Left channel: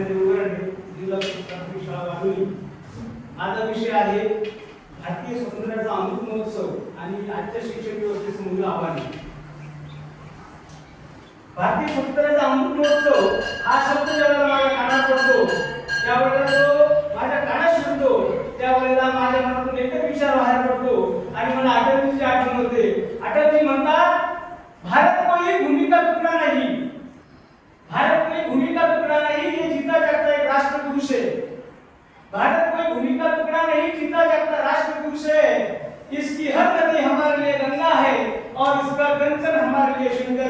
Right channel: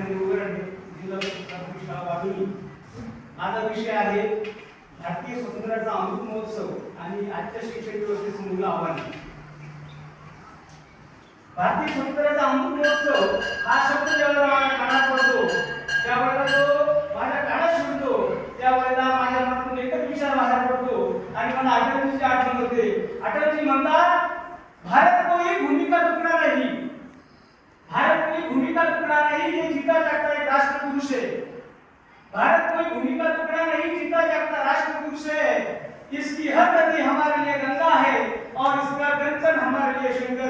देवगड जिल्हा प्राथमिक शाळा वाढवली माझा विषय आहे भारतीय स्वातंत्र्याचा अमृत महोत्सव आणि आजच्या शिक्षण व्यवस्थेसमोरील आव्हाने भारतीय स्वातंत्र्याचा अमृत महोत्सव हा शब्द जेव्हा माझ्या कानात पडतो त्यावेळेला तो माझ्या कानात शिरतो त्यावेळेला माझ्या मनातून एकच विचार बाहेर पडतो आणि मला अटलजीची आठवण होते. अटलजी म्हणतात भारत कोणी भूमिका चुकणार नाही भारत कोई भूमिका टुकड़ा नहीं ये जीता जाता एक राष्ट्र पुरुष है। भारत कोई भूमिका टुकड़ा नहीं, जीता जाता राष्ट्र पुरुष है। इसकी हर नदी हमारे लिए गंगा है और इसका व्यंजन हमारे लिए शंकर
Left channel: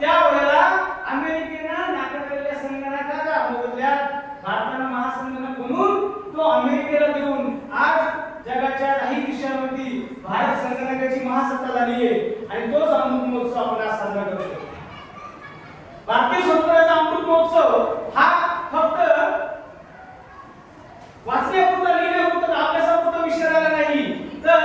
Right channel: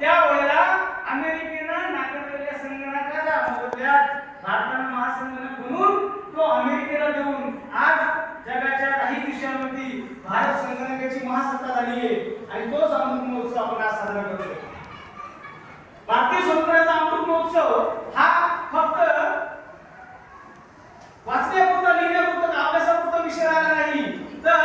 त्यावेळेला अमेरिकेनं नाकारलेल्या संगणकाच्या बदल्यात भारतानं महासंगणक म्हणून तो अमेरिकेला देऊन आज जगाच्या काही देशांमध्ये भारत संगणकाची महासत्ता झाली आहे आणि तोच अमृत महोत्सव आपण आज साजरा करतो भारतीय स्वातंत्र्याचा अमृत महोत्सव हा फक्त वाचण्यापुरता लिहिण्यापुरता अभ्यासापुरता विषय राहिला नाही तर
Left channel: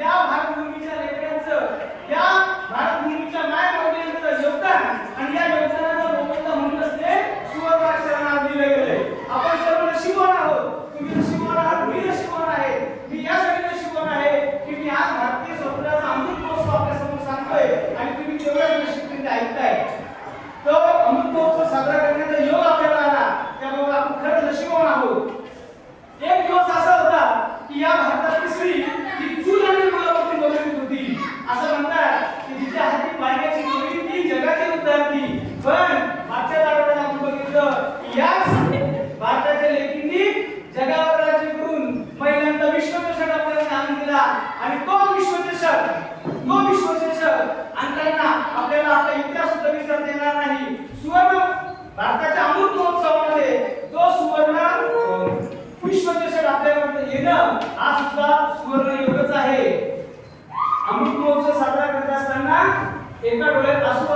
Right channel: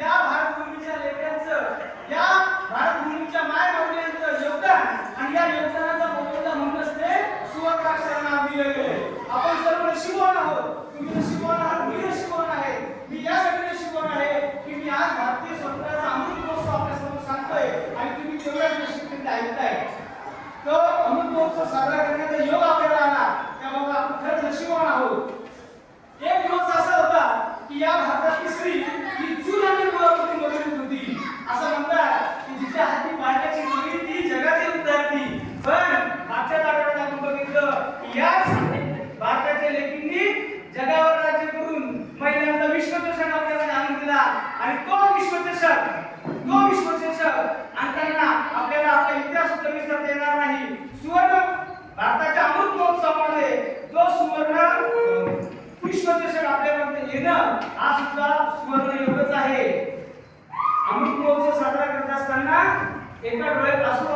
या भारतभूमीच्या लेकरांचं या भारतभूमीच्या माय वडिलांचं योगदान आणि या योगदानाचा मोबदला म्हणून असते सुवर्णाक्षरांना दिलं गेलंय आपण सर्व नशिबवान आहोत तुम्ही नशिबवान आहात मी नशिबवान आहे मी यासाठी नशिबवान आहे की मी आज भारतीय स्वातंत्र्याचा अमृत महोत्सव आपल्यासमोर सांगतोय आणि तुम्ही तेवढ्याच नशिबीने ऐकताय तो अमृत महोत्सव साजरा करण्याचा योग आपल्याला आला त्यामुळे आपण आहोत. एक दिवस असा होता की या भारतातली स्त्री ही चूल आणि मुलावरती बघत होती. असं म्हणतात की तिच्या हाती बायकाची मुलगी ती जगाची विद्यार्थी पण मागच्या दारोड्यात आपण बघितलं की याच भारताच्या लेकींनी जगावर राज्य करून महिलांचा विश्वचषक आपल्याला आणून दिला. आणि तो विश्वचषक तो विश्वचषक आणताना आपल्याला आपला इतिहास सुद्धा विसरता येणार नाही. सुवर्ण भारताच्या अमृत महोत्सवामध्ये तो सुवर्ण अं, विश्वचषक आपल्यापर्यंत येणं हा सुद्धा सुवर्ण योगच आहे अमृत महोत्सव साजरा करत असताना एका डोळ्यात अश्रू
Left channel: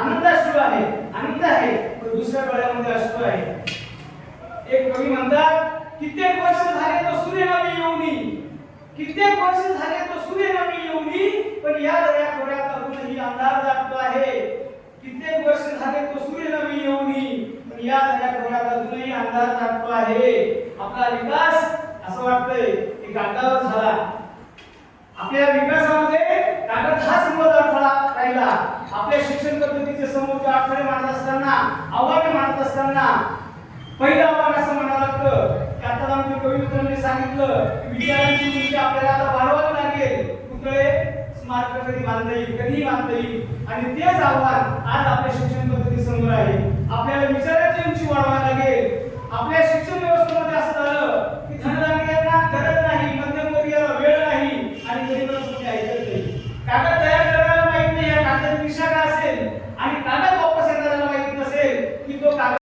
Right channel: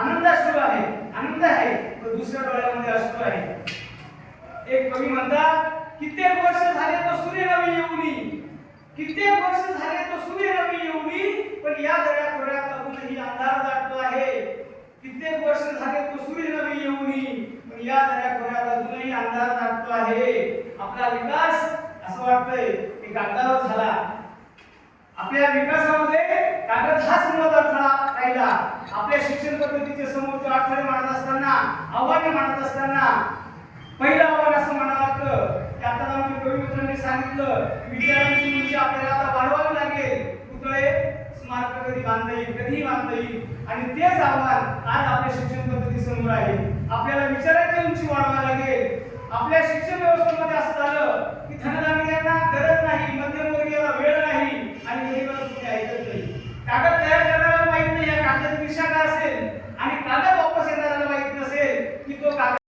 आनंद अश्रू आहे आनंद आहे तर दुसऱ्या डोळ्यामध्ये अश्रू आहे. एक कवी म्हणतात कित्येक वर्ष झाले तो सूर्य नवी येऊनी कित्येक वर्ष झाले तो सूर्य नवी येऊनी पण या दर्या खोऱ्यात अजूनही अंधार दाटतो आहे. कित्येक वर्ष झाले तो सूर्य नवी येऊनी पण या दर्या खोऱ्यात अजूनही अंधार दाटतो आहे. आपला विकास असं वाटतंय की कागदावर झाला. आपल्या विकास कागद हाच मोल अडथळा राहिला आपल्या शिक्षण पद्धतीचे समोरचे अडथळे मानत असताना आव्हाने मानत असताना पहिलं आव्हान असं म्हणावं लागतं की आता आमच्या कवी मित्रांनी सांगितलं विचारांची उंची म्हणजे आपल्याला आता वाढवावी लागेल. पुतळे स्मारक कधी बांधता येईल कधीही बांधता येईल. आणि तेच आव्हान आज आपल्या शिक्षण पद्धती समोर आहे. आपल्याला विचारांची उंची वाढवावी लागेल. आपल्या शिक्षण व्यवस्थेमध्ये असं झालं की धनधान्यांना गरज नाही मध्यमवर्गीयाला वेळ नाही आणि गरीबाला ऐकत नाही कागद तयार